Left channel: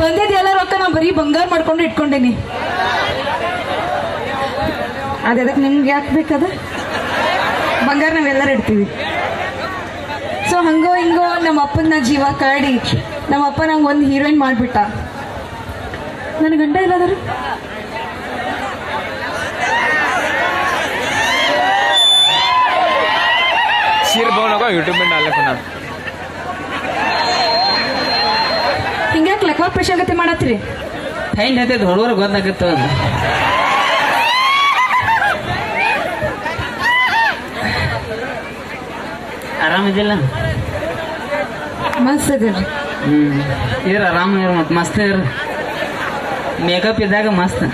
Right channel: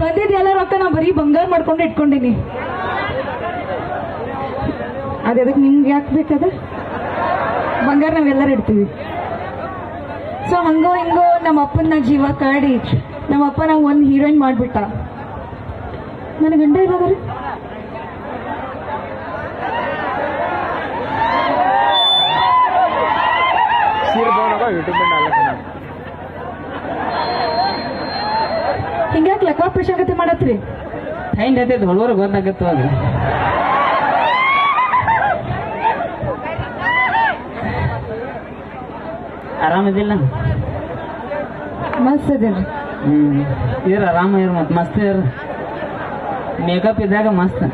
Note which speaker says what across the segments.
Speaker 1: ಬಂದಿದ್ದೆಲ್ಲ ರೊಕ್ಕ ನಾ ಬರೀ ಬಂಗಾರ ಮಾಡ್ಕೊಂಡು ಇಟ್ಕೊಂಡೇನಿ. ಅದಕ್ಕೆ ನಿಮ್ಗೆ ಯಾಕೆ ಬೇಕದ? ಬಂಗಾರ ನಾವೆಲ್ಲರೂ ಇಡ್ತೀವಿ. ಸೊ ಹಂಗೋ ಹಿಂಗೋ ನಮ್ಮ ಅಪ್ಪನ ಜೀವ ಕಾಡಿ. ನಮ್ಮ ಅಪ್ಪ ನಂಗೆ ಒಂದು ಹೀರೋಯಿನ್ ಮಾಡಿಬಿಟ್ಟ. ನನ್ನ ಗಂಡ ಇರೋದ್ರಿ
Speaker 2: ಯೂಟ್ಯೂಬ್ ಮೇಲೆ
Speaker 1: ಹಿಂಗ್ಯಾಕೆ ಲಕ್ವಾ ಪ್ರಶಾಗತೆ ಮಾಡತ್ರಿ
Speaker 3: ಹೆಂಗ್ ಐತೆ ಹುಡುಗರು ಗೊತ್ತಾಗತ್ತ ಆರಾಮಿದಿಲ್ಲ
Speaker 1: ಮಸ್ತ್ ಅದಿಲ್ರಿ
Speaker 3: ಹ್ಮ್. ಇರ ಆರಾಮ ಇರ ಮತ್ ಮಸ್ತ್ ಇರ. ಮೇಕಪ್ ಇದ್ದಾಗ ಮಸ್ತ್.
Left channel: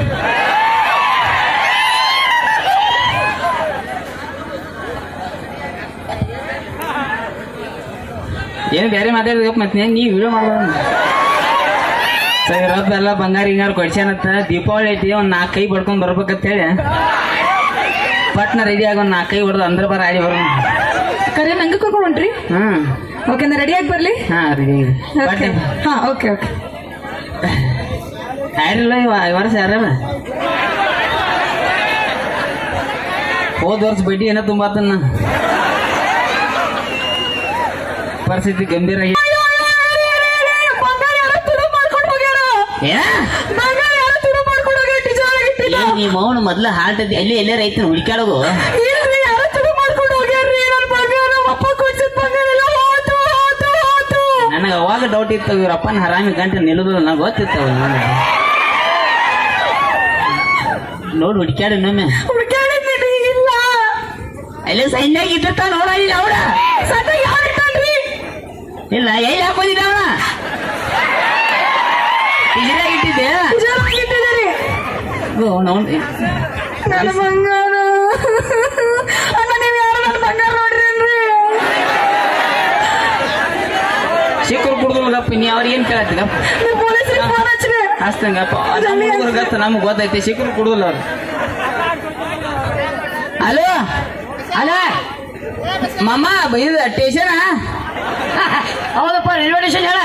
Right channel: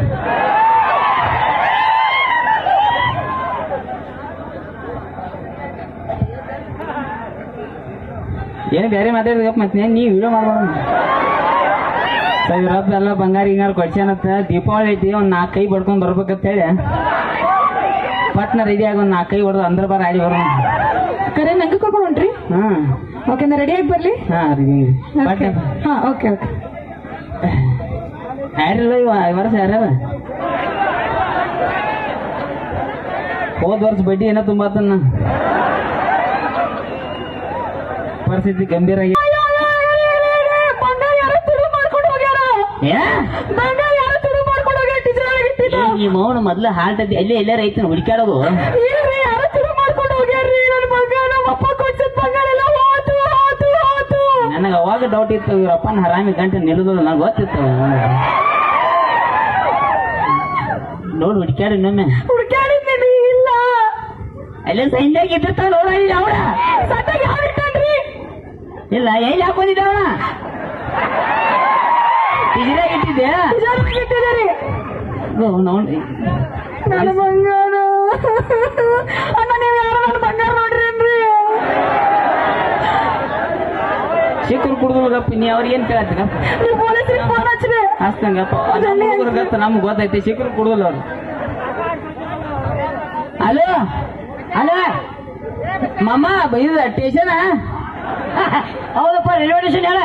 Speaker 3: ಏನು ಬೇರೆ ಮಾತಾಡಿದಪ್ಪ ಮತ್ತೆ ನೀವು ವಿಡಿಯೋ ಮಾಡ್ಬಾರ್ದು. ಇವತ್ತು ಎಲ್ಲ ಬಂಗಾರ ಹಿಂಗಾರ ಕೊಡ್ಸ್ಯಾನತ್ತ ದೀಪಾವಳಿ ಐತಿ ಒಂದು ನಾಲ್ಕು ಕೈ ಬಡ್ಕೊಂಡು ಬರ್ಬೇಕಂತ ಹೇಳಿ. ಪಟ್ನ ರೆಡಿ ಆಗಿ ಒಂದು ನಾಲ್ಕು ಕೈ ಹೊಡೆದು ಅಂದ್ರೆ ಬರ ಆಡಿ ಬರೋ
Speaker 1: ಕರೆ ನಂಗೆ ಕರ್ಕೊಂಡು ಹೊಂಟ್ರಿ
Speaker 3: ಹಾಂ
Speaker 1: ಓಕೆ ರೆಡಿ ಆಗಿ ಬರಲಿ?
Speaker 3: ಹಾಂ ರೆಡಿ
Speaker 1: ಹಾ ಓಕೆ ಓಕೆ
Speaker 3: ಯಾರಿಲ್ಲ ವರ್ಷ ಯಾರಲ್ಲ ಹೋದ ವರ್ಷ ಬಡ್ಡಿ ಏನೋ ತುಂಬಾತನ್ನ ಪರಿಸ್ಥಿತಿ ಗಂಭೀರ ಆಗಿ
Speaker 1: ಬಂಗಾರ
Speaker 3: ನಮ್ಮ ಮೊದ್ಲ ಹಾರ್ಟ್ ಬಂಗಾರ ಎಲ್ಲ ಎಲ್ಲೇ ರೈತನ
Speaker 1: ಹೋತು
Speaker 3: ನನಗೆ ಅವಾಗ ಡೌಟ್ ಇತ್ತು ಇವರಪ್ಪನ ಹರಾಮಿ ಗಂಟೆ ನಿಲ್ಲುದಿಲ್ಲ ನಂಗೆ ಗೊತ್ತಿತ್ತು. ನೋಡು ಹುಡುಕ್ಯಾಡ ಇನ್ನೊಮ್ಮೆ. ಅಲ್ಲೇ ಸೈನ್ಯಾಗ ಇದ್ದಿರ್ತಾವ ನೋಡ ಇಲ್ಲ ಅವಳ ಇಲ್ಲ ಎಲ್ಲಿ ಹಾಕೊಂಡಿದ್ದ ಅವನ? ಇದ್ರಾಗ ಇಟ್ಟಿದ್ದೆ
Speaker 1: ನನ್ನ ಬಂಗಾರ. ಅಣ್ಣ ನೀವು ಯಾರು ನನ್ನ ಬಂಗಾರ ನೋಡ್ರಿ
Speaker 3: ಸಿಕ್ಕರು ಕುಡ್ದಪ್ಪ ನೀ ಅವ್ರಿಗೆ ಏನ್
Speaker 1: ಕೇಳತ್ತೀರ? ಪೊಲೀಸರಿಗೆ ಫೋನ್ ಹಚ್ಚ್ರಿ
Speaker 3: ಹಸ್ತಂಗಪ್ಪ ಗತ್ತ ನಮ್ಗೆ ಗೊತ್ತೈತಿ ಸಿಕ್ಕರು ಕುಡ್ದಲ್ಲ ಅವ್ರು. ಹಲೋ? ಹಲೋ? ಮಾಮ ಬೈದ ಸ್ಟೇಷನ್? ಹೌದಪ್ಪ ರೈಲ್ವೆ ಸ್ಟೇಷನ್ ಹೇಳ.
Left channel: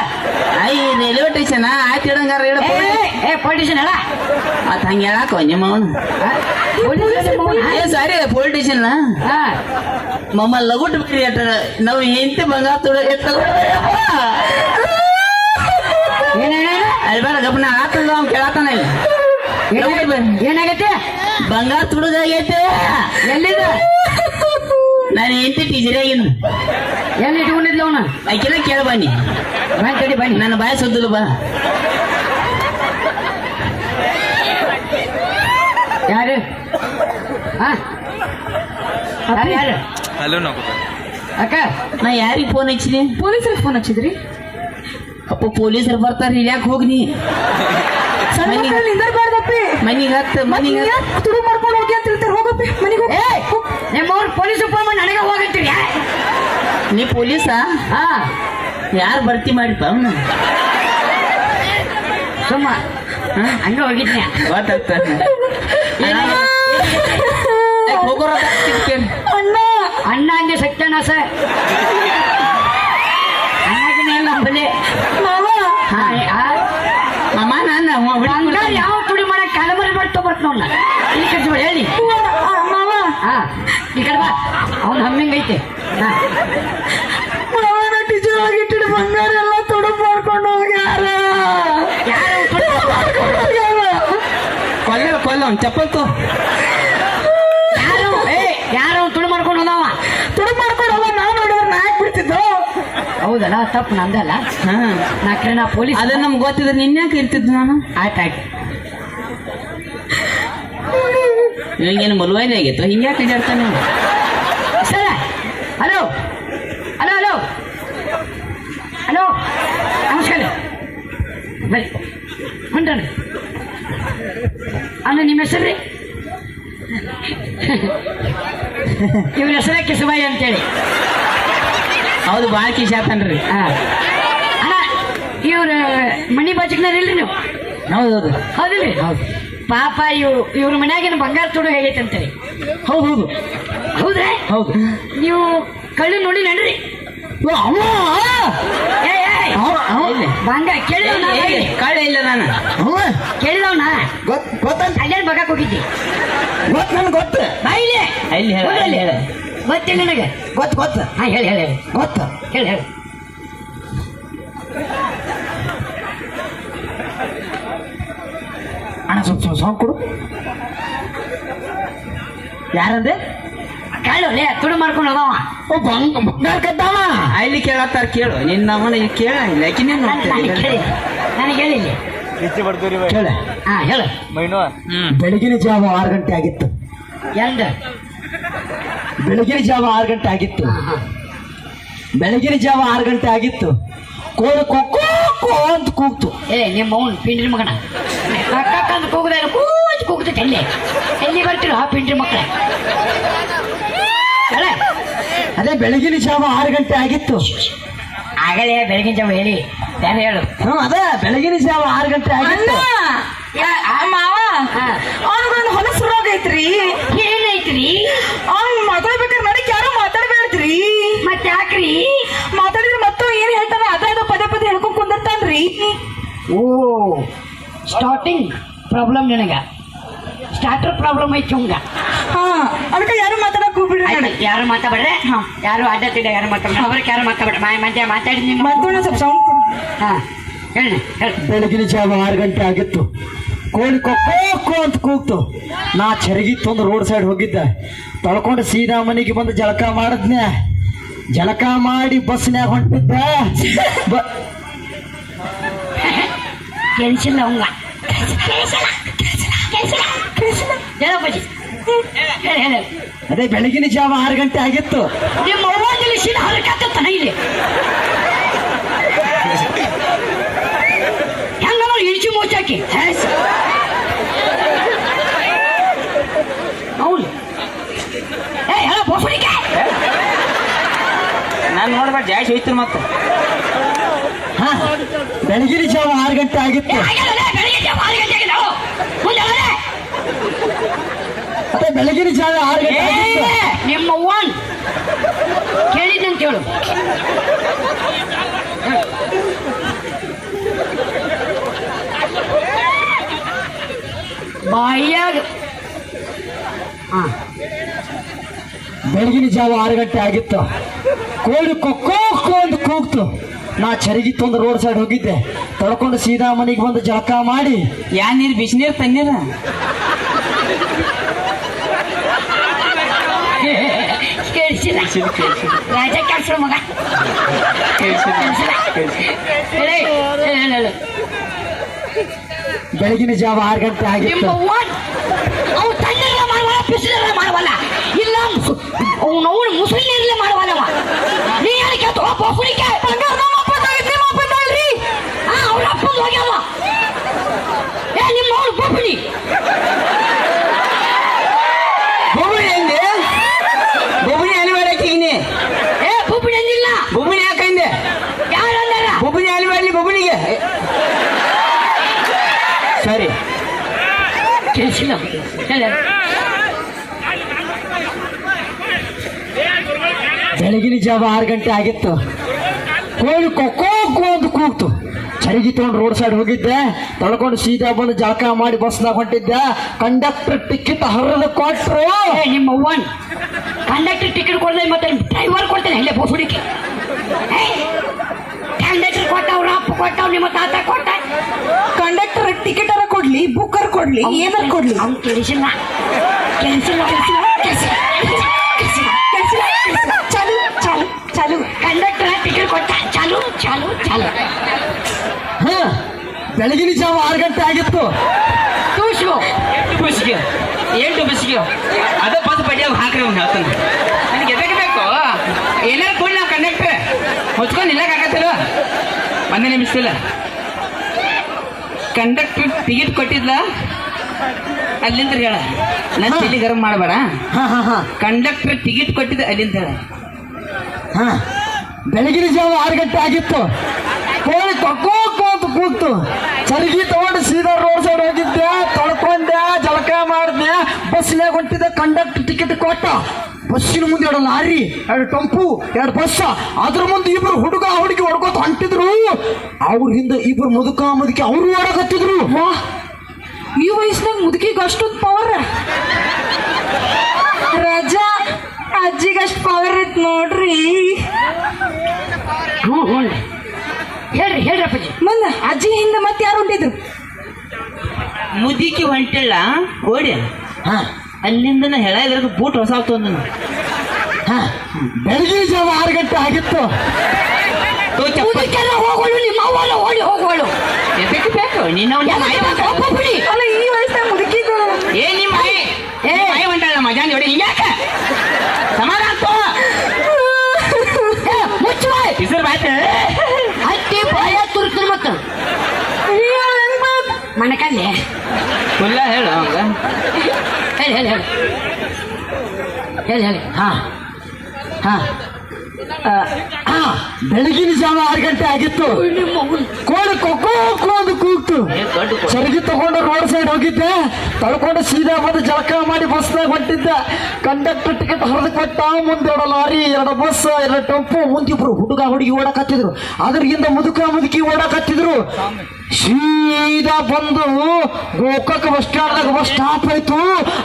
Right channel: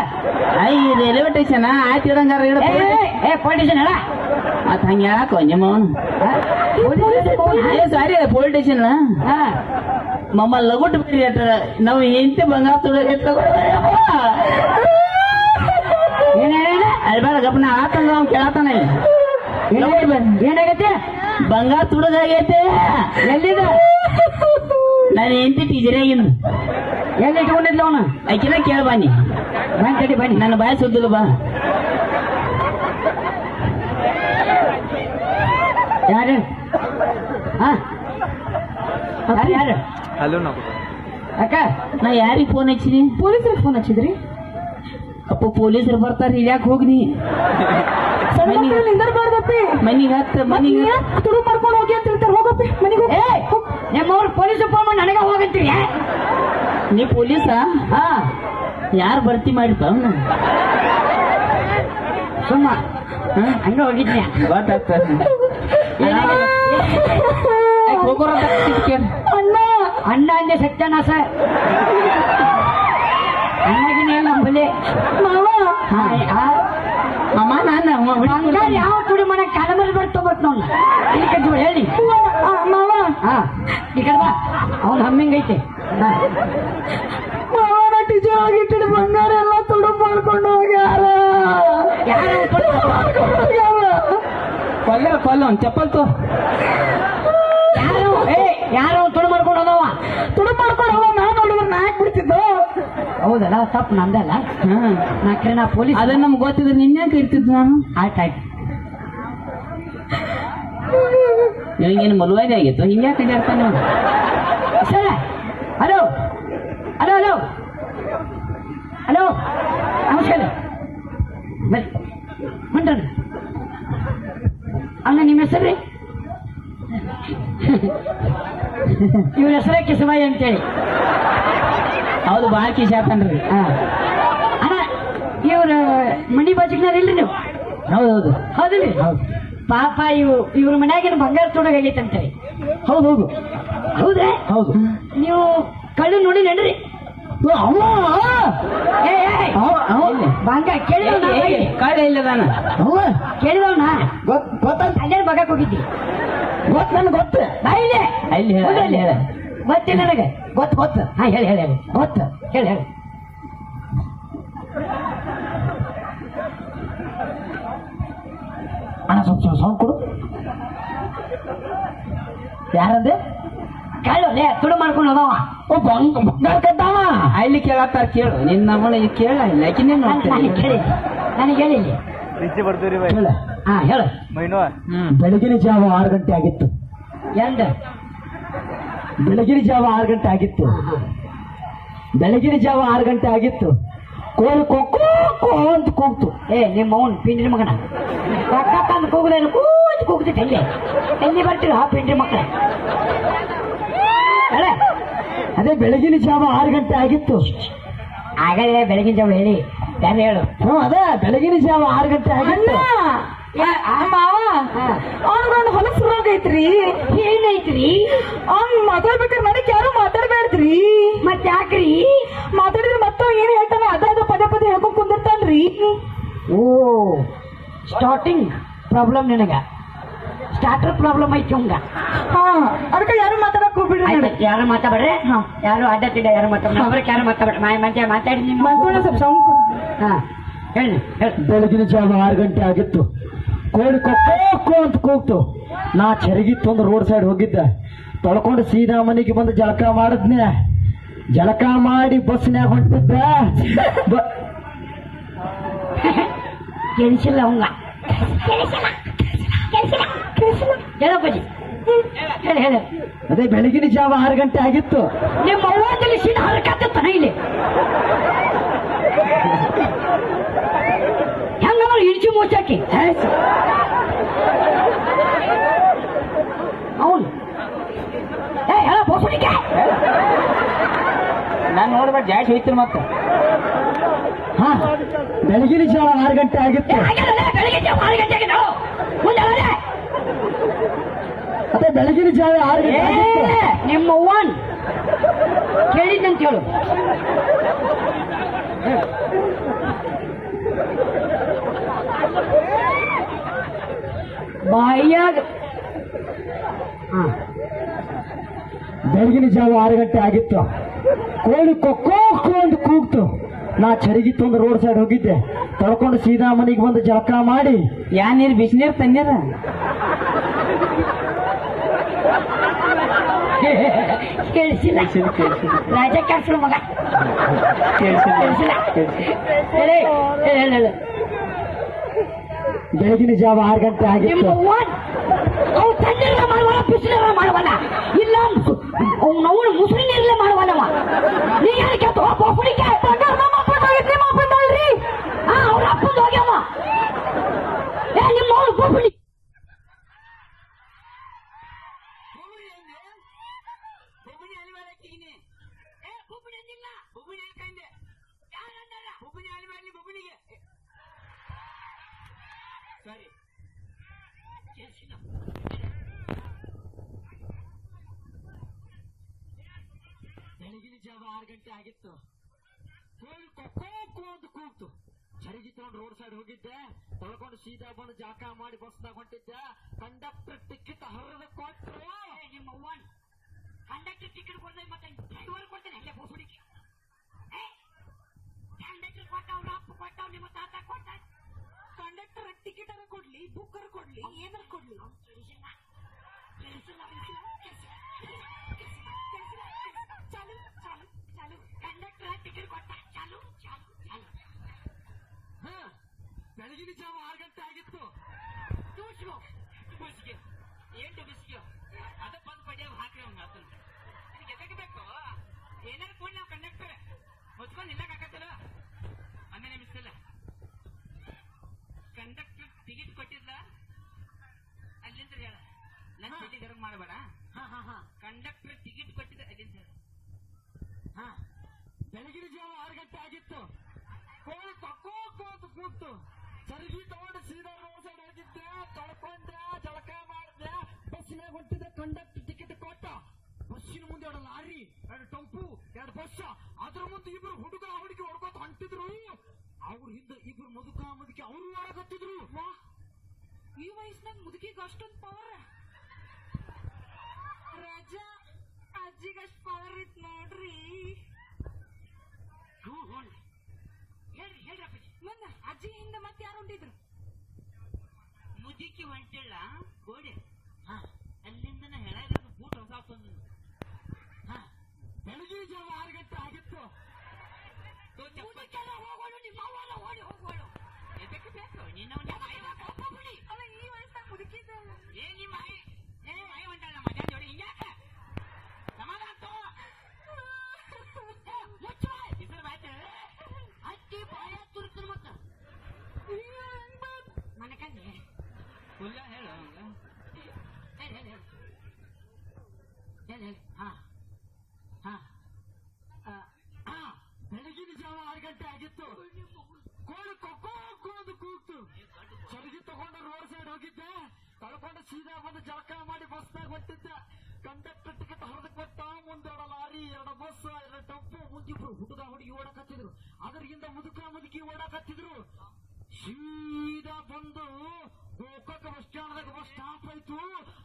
Speaker 3: ಐ ರೈಲ್ವೆ ಸ್ಟೇಷನ್ ಆಯ್ತು ಇಡಂಗಾರ ಇಡ ಏ ಪೊಲಿಟಿಷನ್ ಹೇಳ. ಆತ ಹಂಗೆ ಹೇಳಾಕ ನಿಮ್ಮ ಏ ಸಾರಿ ಪೊಲೀಸ್ ಸ್ಟೇಷನ್ ಮಮ್ಮ ಲಗುಟ್ ಬೇರೆ ಅಟ ನಾವು ಎಂತ ಬಂಗಾರ ತುಡು ಏನೇ? ಅಲ್ಲಿ ಬೇಡ ಗಪ್ನ ಆತಂದ ಅವ್ನು ಕೇಳತ್ತಾನ ಇಲ್ಲಿ. ಏನಾಗೈತಿ? ಬಂಗಾರ ತುಡುಗಾಗೈತೆ ಎಲ್ಲಿದ? ನಾನು ಹೆಂಡತಿ ಟೀಚರೇ ಏನು? ಎಲ್ಲ ಇಟ್ಕೊಂಡಿದ್ಲ ಅವನ? ಆಕಿನ ಕೇಳ ಬನ್ನಿ ಬನ್ನಿ ಕಡಿ ಬನ್ನಿ. ನನ್ನ ಬಾಯ ಸುದ್ದಲು ಬಾ. ಯಾರು? ಯಾರು? ಯಾರು?
Speaker 2: ಹಲೋ ನಾವು
Speaker 3: ಅಕ್ಕ? ನಾ ಯಾರಿಗೆ ಫೋನ್ ಹಚ್ಚಿದಿ?
Speaker 1: ಪೊಲೀಸರಿಗೆ ಫೋನ್ ಹಚ್ಚಿದ್ರಿ?
Speaker 3: ಅಪ್ಪ ಪೊಲೀಸರು ಬರ್ತಾರೆ ಇಳ್ಯಾಕೆ ಹೋಗ್ನಿ. ಮನಿಗೆ ಹತ್ತ ಮನಿಗೆ
Speaker 1: ತುಡು ಮಾಡ್ಕೊಂಡು ಹೋಗಿ ಅಂತ ಹೇಳ್ತಾರೆ. ಹೋಗಪ್ಪಿ ಮನೆಗೆ
Speaker 3: ನಿಮ್ಮವ್ರು ಪೊಲೀಸ್ ನನಗೆ ಹೋಗತ್ತೀರಿ ನೀ ಪೊಲೀಸ? ಹಾ. ಯಾರು ಭರ್ತಿ ಮಾಡಿಪ್ಪ ಅವನು? ಸುಮ್ಮ. ಹಂಗ ಹೋಗಿದ್ನೆ ಗೊತ್ತಾಗ್ತ ಹೋಗೋರ
Speaker 1: ಅಣ್ಣ.
Speaker 3: ಅಣ್ಣ ಹಂಗೆ ಸತ್ಯನ ಸರ್. ಅಣ್ಣಗಿನ ನಂಬಲಿ
Speaker 1: ಮಾವ.
Speaker 3: ಮಾಮ ನಾನು ಯಾವ ಕುಡಿ ಮಾಡಕ್ ಕಾಲಮರಿ ಮಾಡಿ ಬರ್ತ ನೋಡ ಇಲ್ಲಿ ಹೇಳಿ. ಹಾ ಈ ಕಡೆ ಬಾ. ಅವ್ನು ಹಮ್ಮಿಂಗೈತೆ ಐತೆ.
Speaker 1: ಮಾವ ನಾ ಟೀಚರ್ ಒಳಗೆ ಇಟ್ಟಿದ್ದು ಬಂಗಾರ ಎಲ್ಲ ತುಡು ಮಾಡ್ಕೊಂಡು ಹೋಗ್ಯಾರ.
Speaker 3: ಯಾರು ಕೊಲ್ಲ ಕೊಲ್ಲ ಅವ್ನು ಚಪ್ಪಲ್ ತೋ. ಯಾರು? ಏ ಯಾರು? ತುಡು ಮಾಡ್ಕೊಂಡು ಹೋದವ?
Speaker 1: ತುಡು ಮಾಡ್ಕೊಂಡು ಹೋಗ ನಾ ನೋಡಿದ್ರೆ ನಾ
Speaker 3: ಹೌದಲ್ಲ ತಪ್ಪು ನಂದಲ್ಲ. ನಾ ನಾ ಪೊಲೀಸ್ ಅದನ್ನ ನಮ್ಗೆ ಗೊತ್ತಿದ್ರೆ ನಿನ್ನೆ ಇರ್ತಿದ್ ನಾನು? ಆಯ್ತಾಯ್ತು ನಿನಗೇನು ಮಲುವಾಯ್ನ ಆಗಿತ್ತು? ಹಿಂಗ್ಯಾಕೆ ಇದಾಡ್ತಾನೆ ಸರ ಹಲೋ ಹಲೋ ಹಲೋ ಹಲೋ ನಮಸ್ಕಾರ. ಬರ್ರಿ ಹೊಂಟ್ರಿ ಅಲ್ಲ ನಿಮ್ಮ ಹೆಸರು ರೀ ಇವ್ರ ಹೆಸರೇ ಕಿಸಬಾಯಿ ಅಂತೇಳಿ. ಹೌದು ಭಾಳ ಕಿಶ ಆತನ್ರಿ ಅಣ್ಣ ಇವ್ರ ಮಣಿ ಬಾಜುಕ್ನಾರ ಇಲ್ರಿ ನೀವು? ಹೌದು ಹೌದು. ಹೌದಿಲ್ರಿ? ಹೌದು. ಪಾಪ ಇವು ಇವ್ರ ಮನ್ಯಾಗಿನ ಬಂಗಾರ ತುಡು ಅಂತ ಅಂತೇಳಿ ಹೌದು. ಹೌದು? ಹೌದ್ರೆ ಹೌದು. ನೀವು ಕಳ್ಳಿ ನೋಡಿ ನಡ್ರಿ. ಬಂಗಾರ ಕೇಳಿ ಕಳ್ಳಿ
Speaker 2: ಇಲ್ಲ ನಾನು ಕೇಳಿದವನ
Speaker 4: ಗೊತ್ತ ಗೊತ್ತಂತ?
Speaker 2: ಅಲ್ಲೇ ಬಗಕ್ ಹೋಗಿದ್ದಿ?
Speaker 4: ಗೊತ್ತ ನನಗೆ ಗೊತ್ತು.
Speaker 3: ಹೇಳು.
Speaker 2: ಗೊತ್ತಿಲ್ಲ ನನಗೆ?
Speaker 4: ಗೊತ್ತು ಗೊತ್ತು.
Speaker 2: ಹಾ ಹೇಳಿ ಹೇಳಿ ಹೇಳಿ.
Speaker 4: ಗೊತ್ತು.
Speaker 2: ಹೇಳಿ ಹೇಳಿ.
Speaker 4: ಸ್ವಲ್ಪ ಸೌಂಡ್ ಕೊಡು. ಯಾರಂದೆ
Speaker 2: ಕೇಳು ಲೇ ತುಡು ಮಾಡ್ಕೊಂಡು ಹೋದವ
Speaker 4: ಓ ಬಂಗ ಬಂಗಾರ ಕದ್ದಾವ.
Speaker 3: ಅಲ್ಲಿ ಕೇಳತ್ತಾರ ಕೇಳು. ನಿನ್ನ ಅವನ ಕೇಳ ಲಕಿನೇ
Speaker 2: ನನಗೆ ಕೇಳಿ. ನನಗೆ ಹೇಳಿ ಹೇಳು
Speaker 5: ಹೆಚ್ಚು ಬರ್ತೀವಿ ರೀ
Speaker 4: ಕೇಳ.
Speaker 2: ಹಾ ಹೇಳು.
Speaker 5: ಮೈನೋ.
Speaker 4: ಬೆಳಗಿನ ಜಾವ ಆರು ಗಂಟೆ ಆಗಿತ್ತು.
Speaker 2: ಎಂಡ್
Speaker 4: ಬೆಳಗಿನ ಜಾವ ಆರು ಗಂಟೆ ಆಗಿತ್ತು. ಬೆಳಗಿನ ಜಾವ ಆರು ಗಂಟೆ ಆಗಿತ್ತು. ಕೋಲು ಕೊಕ್ಕೋ ಕೋ ಅಂತ ಕೂಗ್ತು.
Speaker 2: ಏ ನಿಮ್ಮ ಅವನು ಪಿಂಡಿ ಮಗನ. ಕಕ್ಕಂದು ಕೂಗುದ ಕೂತ್ ಕೂಗ್ತೈತೆ ಎಲ್ಲಿ? ಎಲ್ಲಿ ಬರ್ತೀರ ಆ ಪಿಂಡ್ರಿ ಮಕ್ಕಳ
Speaker 4: ಅದೇ ಬೆಳಗಿನ ಜಾವ ಆರು ಗಂಟೆ ಆಗಿತ್ತು.
Speaker 2: ಆಗಲೇ ಬೆಳಗಿನ ಜಾವ ಹೇಳಿ. ಯಾರು ಹೇಳು?
Speaker 4: ಹ್ಞೂ ಅದೇ ಬೆಳಗಿನ ಜಾವ ಆರು ಗಂಟೆ ಆಗಿತ್ತು.
Speaker 1: ಯಾ- ಆ ಮಾವ
Speaker 2: ಹಾ.
Speaker 1: ಅವನಿಗೊಂದು ಹೊಲಸು ರೋಗ ಐತ್ರಿ.
Speaker 2: ಏನೈತ್ರಿ?
Speaker 1: ಅವ್ನ್ ಮಾತಾಡ್ಬೇಕಾದ್ರೆ ನಡಕ್ ಯಾರು ಮಾತಾಡ್ಬೇಡ್ರಿ
Speaker 2: ಮತ್ತೆ ಯಾಕ್ರಿ?
Speaker 1: ಮಾತಾಡಿದ್ರೆ ಮತ್ತೆ ಏನ್ ಹೇಳ್ತಾನ ಅದ ಪದೇ ಪದೇ ಹೇಳ್ಕೊಂಡ್ ಕುಂದಿರ್ತಾನ್ರಿ.
Speaker 2: ಓ ಸ್ಟಾರ್ಟಿಂಗ್ ಪ್ರಾಬ್ಲಮ್ ನಿನಗ. ಸ್ಟಾರ್ಟರ್ ಪ್ರಾಬ್ಲಮ್ ಐತಿ ಹಂಗ
Speaker 1: ಹಾ ಅದಕ್ಕೆ ಯಾರು ಮಾತಾಡಕ್ ಹೋಗ್ಬಿಡ್ರಿ ನೋಡಿ
Speaker 2: ಯಾರು ಮಾತಾಡ್ಬೇಡ್ರೆ? ಯಾರು ಅಡ್ಡತ್ತಿಲ್ಲ ಯಾರು ಮಾತಾಡ ಅವ್ರಿಗೆ ಯಾರು ಮಾತಾಡ್ರಿ ಮಾಯ ಮಧ್ಯ ಮಾತಾಡಿ ನಿಮ್ಮ
Speaker 1: ಮಾತಾಡಿ ಸ್ವಲ್ಪ ಸೌಂಡ್.
Speaker 2: ಹಾ ಹೇಳಿ
Speaker 4: ಬೆಳಗಿನ ಜಾವ ಆರು ಗಂಟೆ ಆಗಿತ್ತು. ಕೋಳಿ ಕೊಕ್ಕೋ ಅಂತ ಕೂಗ್ತು. ನಾ ಚರಗಿತ್ತು ಒಂದು ರೋಡ್ ಸೈಡ್ ಹೋಗಿದ್ದೆ. ತೊಳ್ಕೊಂಡು ಸೀದಾ ಮನೆಗೆ ಬಂದು ಜಳಕ ಮಾಡಿದ್ನೆ. ಜಳಕ ಮಾಡಿ ಬಸ್ನ್ಯಾಗ ಹೊಂಟಿದ್ದೆ.
Speaker 2: ಕೆಲ್ಸಿಲ್ಲ ಅವಂಗ ಹೇಳಪ್ಪಾಜಿ ಹೇಳಿ ಹೇಳಿ
Speaker 4: ಅದೇ ಬೆಳಗಿನ ಜಾವ ಆರು ಗಂಟೆ ಆಗಿತ್ತು.
Speaker 2: ನಿಮ್ಮ ಅವ್ವಲ್ಲಿ ಸೀದಾ ಹೊರಕತ್ತ ಇಲ್ಲಿ ಹೆಂಗ ಇಡ್ಚಿ ಮುಚ್ಚಾಕಿ ಹೌದು ಏ? ಹೇಳ
Speaker 3: ನಾನು ನೋಡ್ಬೇಡ ಜಾಸ್ತಿ ಹೋಯ್ತು ಮತ್ತೆ.
Speaker 4: ಬೆಳಗಿನ ಜಾವ ಆರು ಗಂಟೆ ಆಗಿತ್ತು. ಅದೇ ಬೆಳಗಿನ ಜಾವ ಆರು ಗಂಟೆ ಆಗಿತ್ತು.
Speaker 2: ನಿಮ್ಮ ಒನ್ ಕೇಳಿದ್ದಂತ ಹೇಳು ಬಾಯಾಗ ಹಾ.
Speaker 4: ಬೆಳಗಿನ ಜಾವ ಆರು ಗಂಟೆ ಆಗಿತ್ತು. ಕೋಳಿ ಕೊಕ್ಕೋ ಅಂತ ಕೂಗ್ತು. ನಾ ಚರಿಗಿ ಒಂದು ರೋಡ್ ಸೈಡ್ ಹೋಗಿದ್ದೆ. ತೊಳ್ಕೊಂಡು ಸೀದಾ ಮನೆಗೆ ಬಂದು ಜಳಕ ಮಾಡಿ.
Speaker 3: ಯಾ ನೀರು ಬಿಸಿನೀರು ತಣ್ಣೀರ?
Speaker 4: ಬೆಳಗಿನ ಜಾವ ಆರು ಗಂಟೆ ಆಗಿತ್ತು.
Speaker 2: ಮಾಡವಲ್ಲ ಇಲ್ಲ ಮಾಡವಲ್ಲವ. ನೀ ತಗೋ ಪುಡಿಕೆ ನಮ್ಮ ಅಪ್ಪಂದಾಗೈತಿ ನಿಮ್ಮ ಅಪ್ಪಂದಾಗಲ್ರಿ ಹಾ ಅವ್ರ ಅಪ್ಪಂದು ಹೋಗ್ಯಾವ ಏ ನಿಮ್ಮ ಅವನು ಬೋಪುಡಿ
Speaker 3: ಬೊಬ್ಬಣಿ ಅಂದೆ ಬೊಬ್ಬಣಿ ಅಲ್ಲಿ ಮಾಡಾಕಿಗಿನಿ
Speaker 2: ಬೋಪುಡಿ ಅಂದಿಲ್ಲ.
Speaker 3: ಬೊಬ್ಬಣಿ ಯಾಕಂದೆ
Speaker 2: ಯಾರು ಅಂದಾರ?
Speaker 3: ಬೊಬ್ಬಣಿ ಅಲ್ಲಿ ಮಾಡ್ಲಿ ಬೊಬ್ಬಣಿಗೆ. ಸರಿ.
Speaker 2: ಕೇಳಿಸಿಲ್ಲ. ಹೇಳಿ.
Speaker 4: ಬೆಳಗಿನ ಜಾವ ಆರು ಗಂಟೆ ಆಗಿತ್ತು. ಕೋಳಿ ಕೊಕ್ಕೋ ಅಂತ ಕೂಗ್ತು. ಚರಿಗಿ ತಗೊಂಡು ರೋಡ್ ಸೈಡ್ ಹೋಗಿದ್ದೆ. ತೊಳ್ಕೊಂಡು ಸೀದಾ ಬಂದು ಜಳಕ ಮಾಡಿ ಬಸ್ನಾಗ ಹೊಂಟಿದ್ದೆ. ಕಂಡಕ್ಟರ್ ಟಿಕೆಟ್ ಹರಿದು ಕೊಟ್ರು.
Speaker 2: ಏ ನಿಮ್ಮ ಅವ್ವನ್. ಕಂಡಕ್ಟರ್ ಟಿಕೆಟ್ ಕೊಡದೆ ಮತ್ತೆ ಡ್ರೈವರ್ ಕೊಡ್ತೇನೆ. ಇಲ್ಲೇ ಬೋಸುಡಿಕೆ ಕಂಡಕ್ಟರ್ ಕೊಟ್ಟ ಅವ್ರ ಅಪ್ಪ ಕೊಟ್ಟ ನಿಮ್ಮ ತಾತ ಕೊಟ್ಟ
Speaker 1: ಕಂಡಕ್ಟರ್ ಟಿಕೆಟ್ ಅರ ಕೊಡ್ಲಿ ಬುಕ್ಕರ್ ಕೊಡ್ಲಿ ಏನಾರ ಕೊಡ್ಲಿ.
Speaker 2: ಅವ್ನು
Speaker 1: ಕೆಲ್ಸಿಲ್ಲ, ಕೆಲ್ಸಿಲ್ಲ. ಚಾಲು ಚಾಲು ಚಾಲು.
Speaker 2: ಕಂಡಕ್ಟರ್ ಟಿಕೆಟ್ ಕೊಟ್ಟ. ಚಾಲು ಚಾಲು ಚಾಲು.
Speaker 4: ಹಾ ಬೆಳಗಿನ ಜಾವ ಆರು ಗಂಟೆ ಆಗಿತ್ತು.
Speaker 2: ಟೂಸ್ಗೋ
Speaker 3: ಎಂಟು ಬಸ್ಗೆ ಎಂಟು ಬಸ್ಗೆ ಅದ ಬಸ್ ಬಡಿಯಾಗ ಹಾಕ್ರಿ ಅವ್ನು ಹೇಳ್ತಾನೆ. ಏನಾರು ಕೊಡಿ ನಾವು ಕಂಡಕ್ಟರ್ ಹೊಚ್ಕೊಂಡು ನಿಲ್ಲಕ್ಕಾಗತ್ತಿಲ್ಲ ಒಂದೇ ನಿಮಿಷ ಇಲ್ಲ. ಕಂಡಕ್ಟರ್ ಟಿಕೆಟ್ ಕೊಟ್ಟಿದ್ಲ? ಅಲ್ಲಿಂದ ಹೇಳ. ನನ್ನ ತಲೆ ಗರಂ ಮಾಡಬೇಡ.
Speaker 4: ಹಾ ಹಾ ಹಾ.
Speaker 3: ಕಂಡಕ್ಟರ್ ಟಿಕೆಟ್ ಕೊಟ್ಟಿದ್ದ ಅಲ್ಲಿಂದ ಹೇಳ.
Speaker 4: ಹಾ. ಬೆಳಗಿನ ಜಾವ ಆರು ಗಂಟೆ ಆಗಿತ್ತು. ಕೋಳಿ ಕೊಕ್ಕೋ ಕೂತು. ಕೂಗ್ತು ಚರಗಿ ತಗೊಂಡು ಸೀದಾ ರೋಡ್ ಸೈಡ್ ಹೋಗಿದ್ದೆ ತೊಳ್ಕೊಂಡೆ ಜಳಕ ಮಾಡಿದ್ದೆ ಬಸ್ನಾಗ ಹೊಂಟಿದ್ದೆ ಕಂಡಕ್ಟರ್ ಟಿಕೆಟ್ ಕೊಟ್ಟ. ಬಸ್ಸಿನ ಮುಂದೆ ಎರಡು ಲಾರಿ ಎರಡು ಟಂಪು ಎರಡು ಬಸ್ಸ ಅದ್ರ ಮುಂದೆ ಇಬ್ರು ಹುಡುಗ ಹುಡುಗಿ ಹೊಡ್ಕೋತ ಹೊಂಟಿದ್ರು. ಅವ್ರ ಹಿಂದೆ ಇಬ್ರು ಮುದುಕ ಮುದುಕಿ ಅವರು ಓಡಕತ್ತಿದ್ರು
Speaker 1: ವಾ ಈ ವಯಸ್ಸಿನಾಗ ಮುದುಕಿಗೆ ಅಷ್ಟೊಂದು ಪವರ್ ರಜಾ ಅಜ್ಜಿಗೆ ಅಷ್ಟು ಪವರ್ ಐತ್ ನೋಡ್ರಿ.
Speaker 2: ಹ್ಞೂ ಹ್ಞೂ. ಹೇಳ್ರಿ ಹೇಳ್ರಿ ಅಪ್ಪಾಜಿ.
Speaker 1: ಮುಂದ ಅಜ್ಜಿ ಹಿಂದೆ ಮತ್ತೆ ಯಾರು ಹೊಂಟಿದ್ರು?
Speaker 3: ಮುದುಕಿ ಹೊಂಟಿಲ್ಲ ಓಡಿ.
Speaker 4: ಹಾ.
Speaker 3: ಅಲ್ಲಿಂದ ಹೇಳ ಇದ್ರಾಗ ಬೂಟ್ ಹೊಸ ಆಗ್ತು
Speaker 4: ಹಾ ಬೆಳಗಿನ ಜಾವ ಆರು ಗಂಟೆ ಆಗಿತ್ತು
Speaker 2: ಹೋಗೋಳು ನಿಮ್ಮ ಅವ್ವಲ್ಲ ಓಡಿ ಹೋಗೋಳು.
Speaker 3: ಎದಕ್ಕೆ ಬೇಕು ನಿನ್ನ
Speaker 2: ಬಿಡಿ.
Speaker 1: ಅಲ್ಲ ಈ ವಯಸ್ಸಾಗ
Speaker 3: ಏ ನಿಮ್ಮ ಮಾಯಿ. ಏ. ಮಾಯಿ ಹೊಂಟಾಳ ಮಜಾನ್ ನೋಡಿ ಹಿಂಗ್ಯಾಕ ಸಮಾಧಾನ ತೋ.
Speaker 2: ಮುಚ್ಚು ಬಾಯ್
Speaker 3: ಹೆಸರು ಬಾಯ್ತ
Speaker 2: ಹತ್ತಿ ಬಾಯ ತುರ್ತೀನಿ ಮತ್ತ. ಮನಕಲ್ಲಿ
Speaker 3: ಫುಲ್ಲ ಹೇಳು
Speaker 2: ಹೇಳಿ ಹೇಳಿ ಹೇಳಿ. ಹೇಳಿ ಹೇಳಿ. ಹಾ. ಹಾ.
Speaker 4: ಹಾ. ಬೆಳಗಿನ ಜಾವ ಆರು ಗಂಟೆ ಆಗಿತ್ತು. ಕೋಳಿ ಕೊಕ್ಕೋ ಕೋದು ಕೂಗ್ತು. ಚರಗಿ ತಗೊಂಡು ರೋಡ್ ಸೈಡ್ ಹೋಗಿದ್ದೆ. ತಳ್ಕೊಂಡು ಸೀದಾ ಬಂದು ಜಳಕ ಮಾಡಿ ಬಸ್ನಾಗ ಹೊಂಟಿದ್ದೆ. ಕಂಡಕ್ಟರ್ ಟಿಕೆಟ್ ಹೊರದು ಕೊಟ್ಟ. ಮುಂದೆ ಎರಡು ಲಾರಿ ಎರಡು ಬಸ್ ಎರಡು ಟೆಂಪು. ಮುಂದಿಬ್ರು ಹುಡುಗ ಹುಡುಗಿ ಓಡಕತ್ತಿದ್ರು ಅದ್ರಿಂದ ಮುದುಕ ಮುದುಕಿ ಓಡಕತ್ತಿದ್ರು ಸೀದಾ ಬಂದು ಗೋಕಾಕ ಬಸ್ ಸ್ಟ್ಯಾಂಡ್ದಾಗ ಬಸ್ ಸ್ಟಾಪ್ ಆಯ್ತು.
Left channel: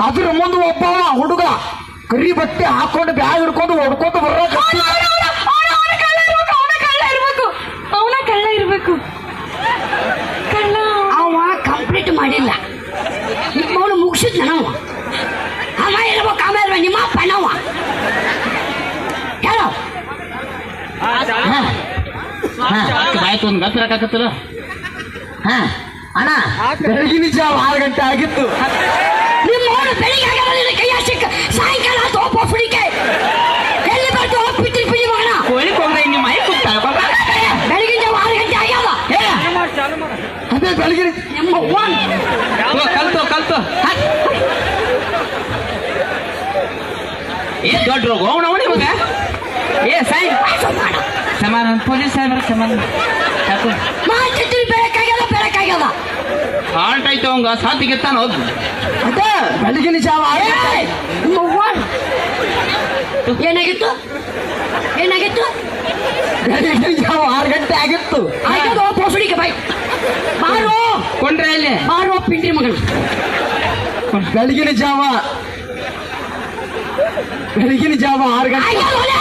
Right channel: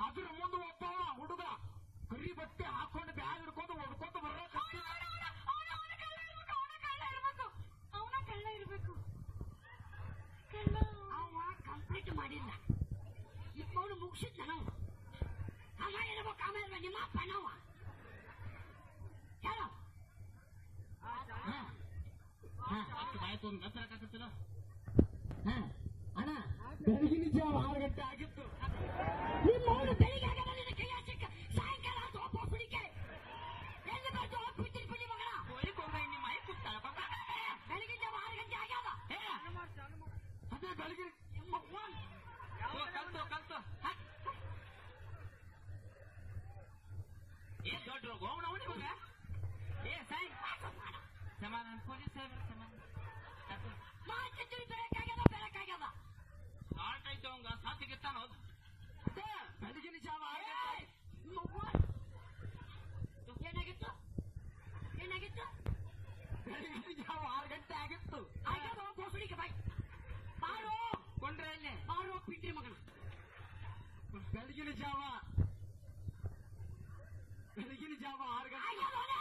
Speaker 4: ಅದ್ರ ಮುಂದೆ ಒಬ್ಬ ಹುಡುಗ ಕರಿ ಬಟ್ಟೆ ಹಾಕೊಂಡು ಬ್ಯಾಗ್ ಹಿಡ್ಕೊಂಡು ಹೊಡ್ಕೊಂಡು ಬರೋಕತ್ತಿದ್ದ
Speaker 1: ಅವನ ಕಳ್ಳ ಇರ್ಬೇಕು ಅವನ ಕಳ್ಳ ಇರ್ಬೇಕು. ಕಳ್ಳ
Speaker 2: ಅವ ಕಂಪ್ಲೀಟ್ ಮಾಡಿಲ್ಲ. ನಿಮ್ಮವನು ಮುಗಿಸಿದ್ ನಾವು ಅವ. ಇರ್ಬೇಕು ಅವ ಇರ್ಬೇಕು ನಿಮ್ಮ ಅಪ್ಪ ನಾವ ಹೇಳು.
Speaker 3: ಬಾಯ್ತು ಒಂದು ಗತ್ರ ಹಾಕತ್ತಲ್ಲ
Speaker 4: ಅಣ್ಣ ಬೆಳಗಿನ ಜಾವ ಆರು ಗಂಟೆ ಆಗಿತ್ತು.
Speaker 2: ನಿಮ್ಮವನು ಬೆಳಿಗ್ಗೆ ಆಗಲ್ಲ ಕೈ ಸಿಕ್ಕ ಸಾಯಂಕಾಲ ಆತು ಒಬ್ಬ ಫುಡಿಕೆ ಎಲ್ಲಿ ಬರ್ತು ಹೋಗ್ಬಿಟ್ಟಿರಿ ಬಿಡಿ ಮಗನ.
Speaker 3: ಕೋಳಿ ನಿಮ್ಮ ಮಾಯಿ ಕೂಗ್ತಾಳ
Speaker 2: ಬೆಳಗಿನ ಜಾವ ಆರು ಗಂಟೆ ಆಗ್ಯಾವ.
Speaker 4: ಅದೇ ಬೆಳಗಿನ
Speaker 2: ನಿಮ್ಮ
Speaker 3: ಕಲ್ತು ಕಲ್ತು. ಏ ದೊಡ್ಡ ರೋಗ? ಅವನವನಿ ಮಗ ಏ ಸಾಯ್. ಸಮಾನ ಪೊಲೀಸ್ ಸಾಹೇಬ್ರ ಸಮಾನ ಸಾಕು
Speaker 2: ಬೆಳಕಾಗ್ಯದ
Speaker 3: ಹಾಲ್ಟ್ ಆಯ್ತು ಅವಂಗ ಸಾತಿಗೆತ್ತಾನ ಹೋದ್
Speaker 4: ಅದೇ ಬೆಳಗಿನ ಜಾವ.
Speaker 2: ಏನಾಗಿತ್ತು? ಏನಾಗಿತ್ತು?
Speaker 4: ಬೆಳಗಿನ ಜಾವ ಆರು ಗಂಟೆ ಆಗಿತ್ತು.
Speaker 2: ಆಗ್ಯದ ಒಬ್ಬ ಬಾಯ್. ಮಾರು.
Speaker 3: ಕೊಂಡ್ರೆ ಇಲ್ಲಿ
Speaker 2: ಮಾರು ಪಿಂಡ್ರಿ ಮಗನ
Speaker 4: ಬೆಳಗಿನ ಜಾವ. ಬೆಳಗಿನ ಜಾವ ಆರು ಗಂಟೆ.
Speaker 2: ಆಗ್ಯದ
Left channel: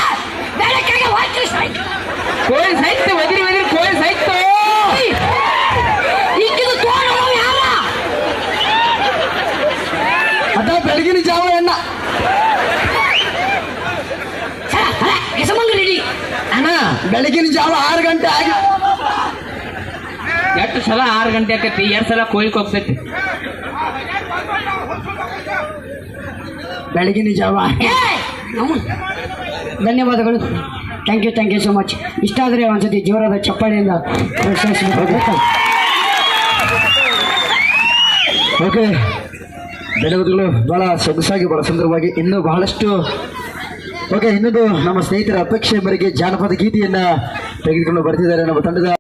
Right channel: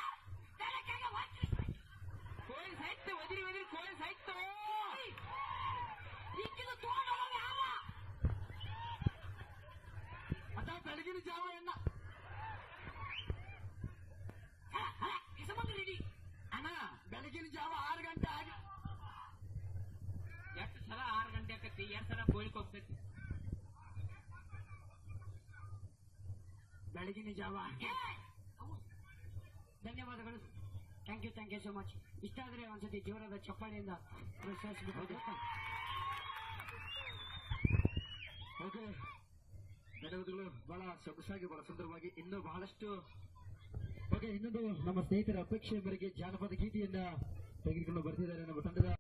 Speaker 2: ಬೆಳಕಾಗ ಸಾಯ್ತು
Speaker 3: ಕೋಳಿ ಸಾಯ್ತು ಒದಿರಿ ಒದಿರಿ ಕೋಳಿ ಸಾಯ್ತು
Speaker 2: ಈಗಿದು ತೋರಣ ಯಾರ
Speaker 4: ಅದ ಬೆಳಗಿನ ಜಾವ ಎಣ್ಣ
Speaker 2: ಸರ ಅಲ್ಲ ಹೆಸಮಂಗ ರೆಡಿ
Speaker 4: ಅಣ್ಣ ಬೆಳಗಿನ ಜಾವ ಆರು ಗಂಟೆ ಆಗಿ.
Speaker 3: ಎಷ್ಟು ಸಲ ಆರು ಗಂಟೆ ಆಕತಿ? ಎರಡು ಸಲ ಕೊಯ್ಲಿಕ್ಕೆ ಹೋಗ್ತೈತಿ?
Speaker 4: ಬೆಳಗಿನ ಜಾವ
Speaker 2: ಧನ್ಯವಾದಗಳು. Thank you thank you so much ಇಷ್ಟ ಆದರೆ ಒಂದ್ಸತಿ ಜೋರಾದ ಚಪ್ಪಾಳಿಯಿಂದ
Speaker 4: ಓಕೆ ಧನ್ಯವಾದಗಳು. ಬಹಳ ಸೊಗಸಾಗಿ ಬಹಳ ಸುಂದರವಾಗಿ ಇನ್ನೂ ಬಹಳಷ್ಟು ಓಕೆ ಇನ್ನೊಂದು ನಮ್ಮ ಸ್ನೇಹಿತರ ಅಪೇಕ್ಷೆ ಮೇರೆಗೆ ಜಾನಪದ ಗೀತೆಯನ್ನ ತೆಗೆದುಕೊಂಡು ಬರ್ತಿದ್ದಾರೆ ನಮ್ಮ ತಂಡದ